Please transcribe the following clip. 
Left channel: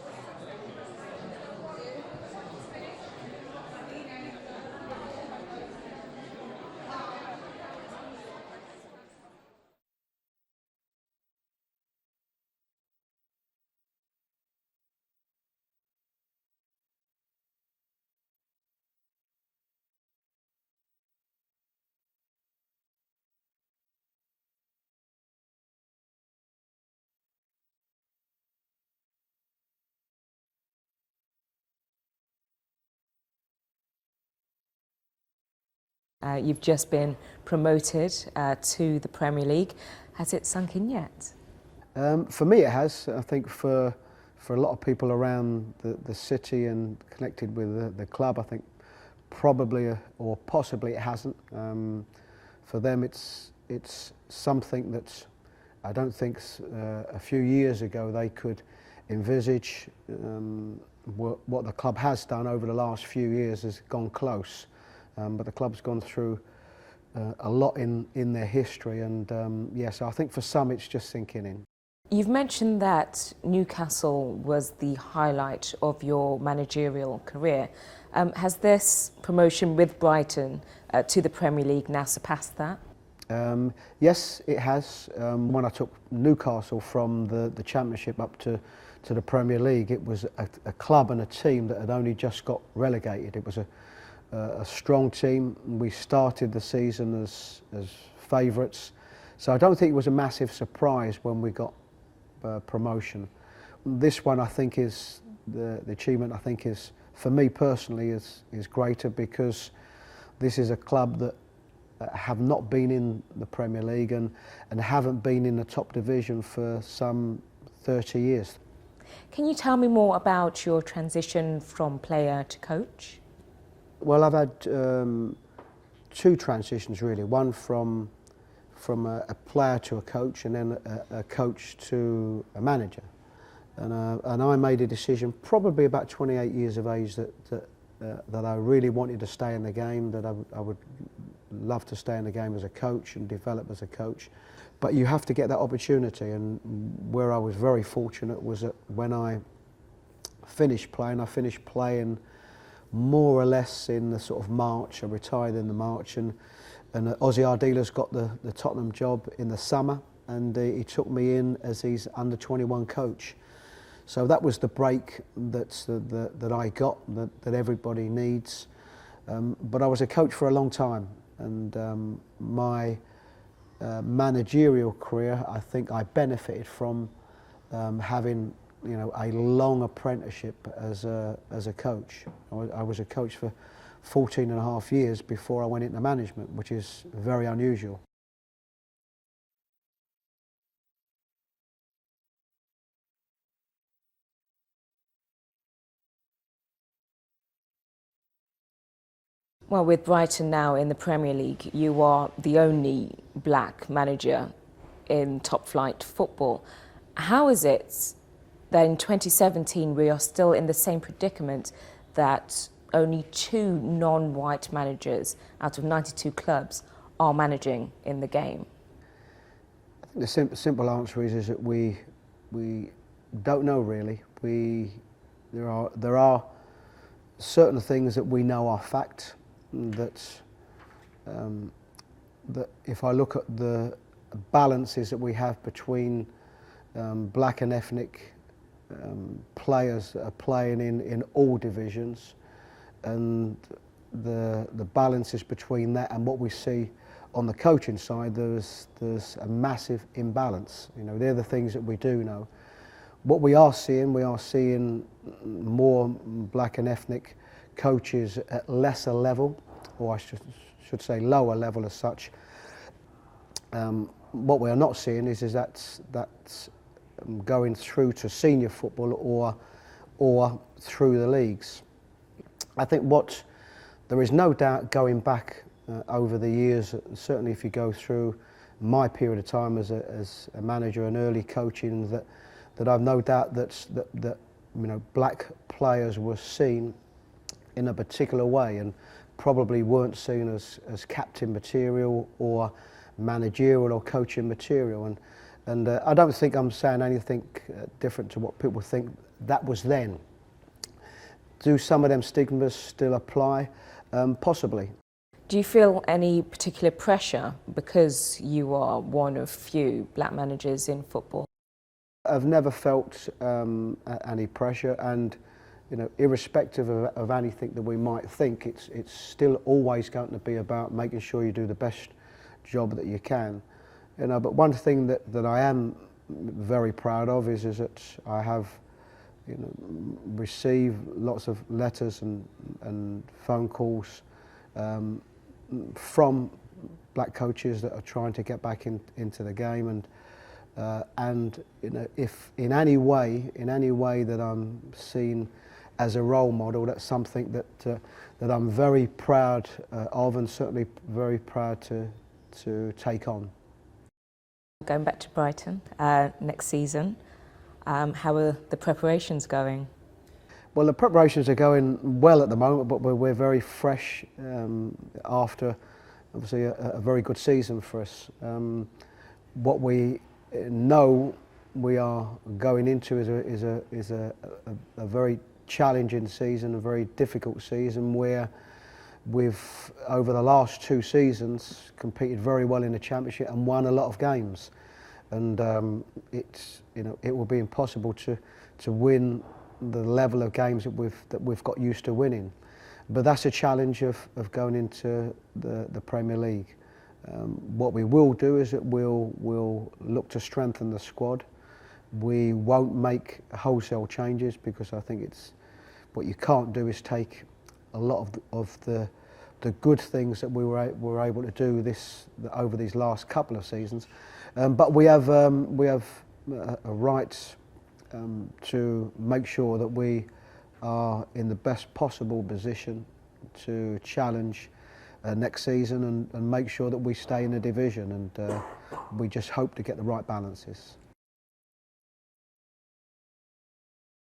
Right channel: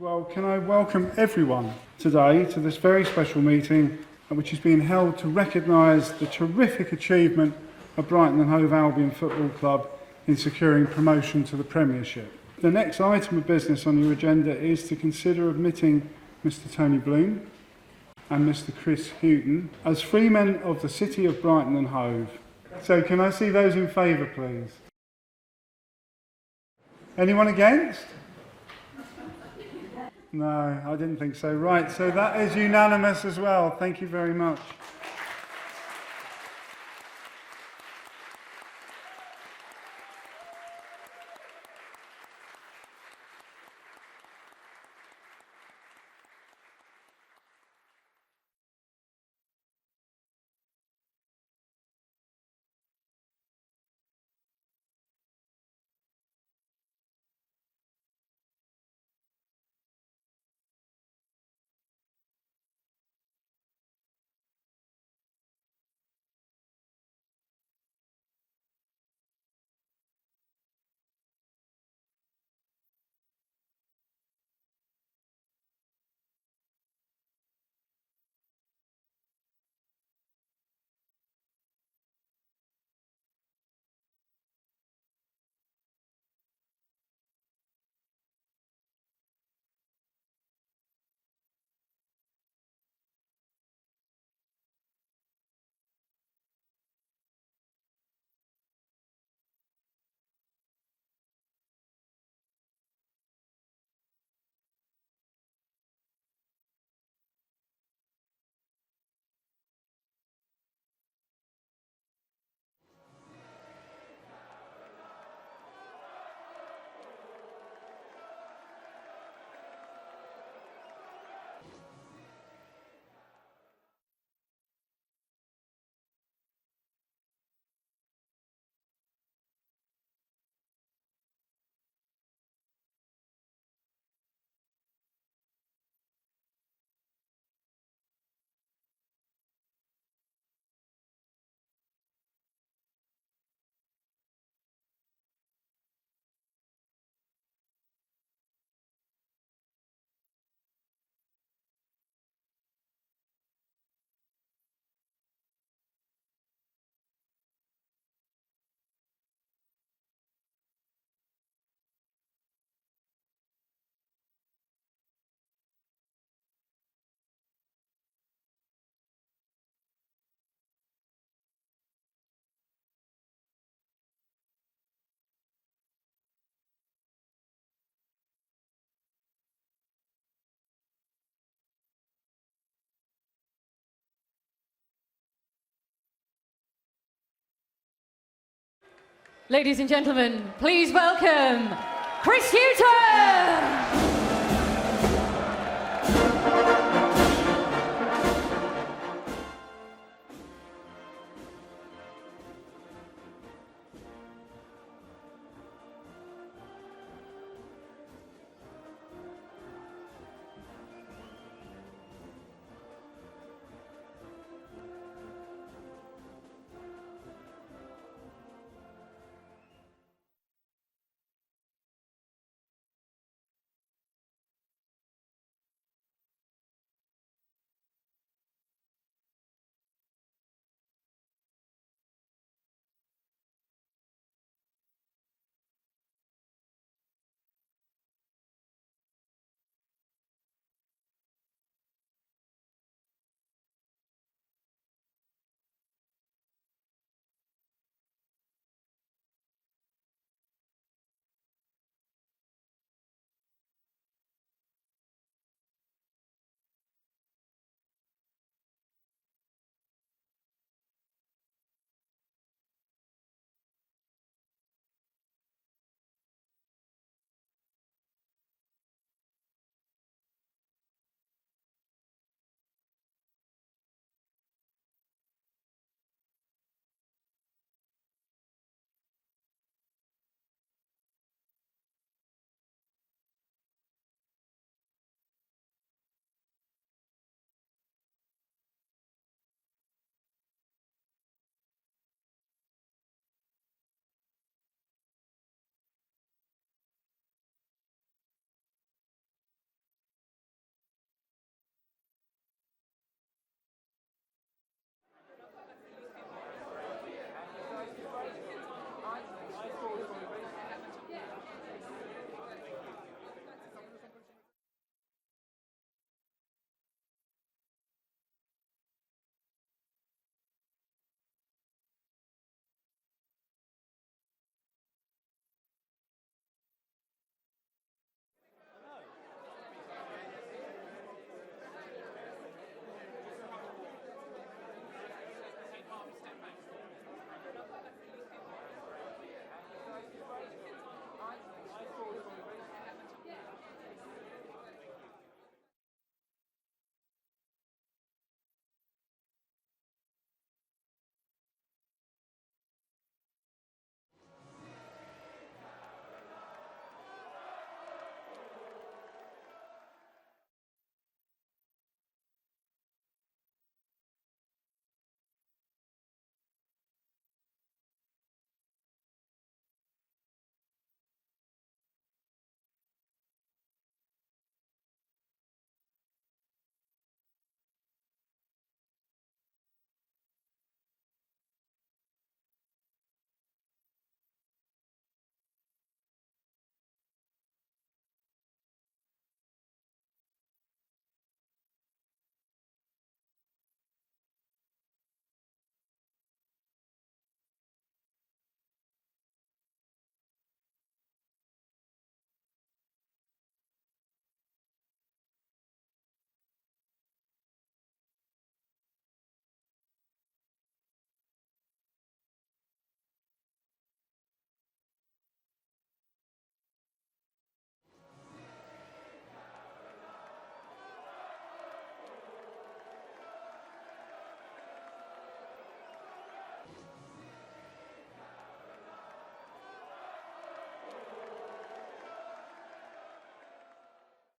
Well, can I welcome everyone today to this very special meeting which is being held to recognise the terrific achievement of Brighton and Hove Albion Football Club in securing promotion to the Premiership. The next item of business on your agenda is to consider admitting Mr Tony Bloom and Mr Chris Hughton as freemen of the City of Brighton and Hove. So can I see those in favour, please? Anyone against? No, I didn't think so. Right, so that is unanimous as well. Thank you very much. You've just been promoted to the Premier League. Has it sunk in yet? For me it has. I think for a lot of people around the city and connected with the club, I think probably or possibly it hasn't. For them it's something that I don't think a few years ago they could envisage. What the club has done over the last few years has gone close, but the club's gone through a lot in their history, and so I think for some it's just sinking in. You've mentioned that Newcastle was the highlight of your managerial career. Has this promotion with Brighton to the Premier League now surpassed that? Yes, it has. When I took Newcastle from the Championship up to the Premier League, it was a club and a team that had only just got relegated. It was a strong team. We started the season as favourites, so I don't think it was a massive surprise when we got promotion. This one, I think, is the achievement. I think is, for me personally, is greater because this is a club that have not been in the Premier League and haven't been in the top division for some 30 years. Can you tell me more about your transition from player to coach? Well, I've had two transitions really. One from a player to a coach, and then a coach to a manager. And I made a decision probably about 28 years of age that I really wanted to stay in the game, that I would love to stay in the game as a coach and develop as a coach. But you have to get that opportunity, and where I was very fortunate was that when I finished playing more or less in the sort of March. I retired in the March, and Ozzy Ardiles got the Tottenham job in the summer, and he took me in as his under-21 coach. So that was the break that I got, that everybody needs. But I was a coach for a long time, and my managerial career, I think I benefited from having a long apprenticeship as a coach. I was a coach for 14 and a half years before I went into management, which is very unusual. Ladies and gentlemen, please welcome Chris Hughton! Well, with Brighton now in the Premier League, you are the only black manager in top flight football. How is it that in 2017 we are still in the same predicament that only 2 non-white managers out of 92 clubs are managing in the game? I think the simple answer is that we don't know really. There are certain things that we know are fact, that if I look at the balances that we have between black and ethnic players that are playing in all divisions, and the balances between that and what we see on the coaching side, there's a massive imbalance. They're the things that we do know. What we are seeing more black and ethnic coaches at lesser level, or I should say lower level as such. What we are not seeing is that's going through to senior football or through the leagues. I think there is no doubt, going back over the years, certainly if you go through my period of time as a manager and early coaching, that I've no doubt that black players were seen in a particular way and probably weren't seen as captain material or managerial or coaching material, And I don't think I'm saying anything different to what people think that was then. Do some of them stigmas still apply? Possibly. Do you feel any particular pressure because you are one of few black managers in football? I've never felt any pressure, and irrespective of anything that we might think, it's still always going to be about making sure you do the best job that you can. But one thing that I am very proud of is that I have received lots of letters and phone calls from black coaches that are trying to get back into the game, and if in any way that I'm seen as a role model, that's something that I'm very proud of, and certainly very proud to take on. Going back to Brighton next season, how are the preparations going? Well, the preparations are going well at the moment, but we're very fresh after obviously a very good season for us. What we know we are going into is a very challenging season, a very difficult season, where we've over the last 2 seasons competed very well in the Championship and won a lot of games, and it will be impossible to win the level of games that we've got used to winning. But that's a challenge of going into the Premier League. What we will do is that we'll look to strengthen the squad. We won't make wholesale changes, because I think what you can't do is take a lot of the good things that we were able to do over these last couple of seasons. But we have a right to make sure that we are in the best possible position to challenge next season and make sure that we stay in the division, and we just hope to get the right balances.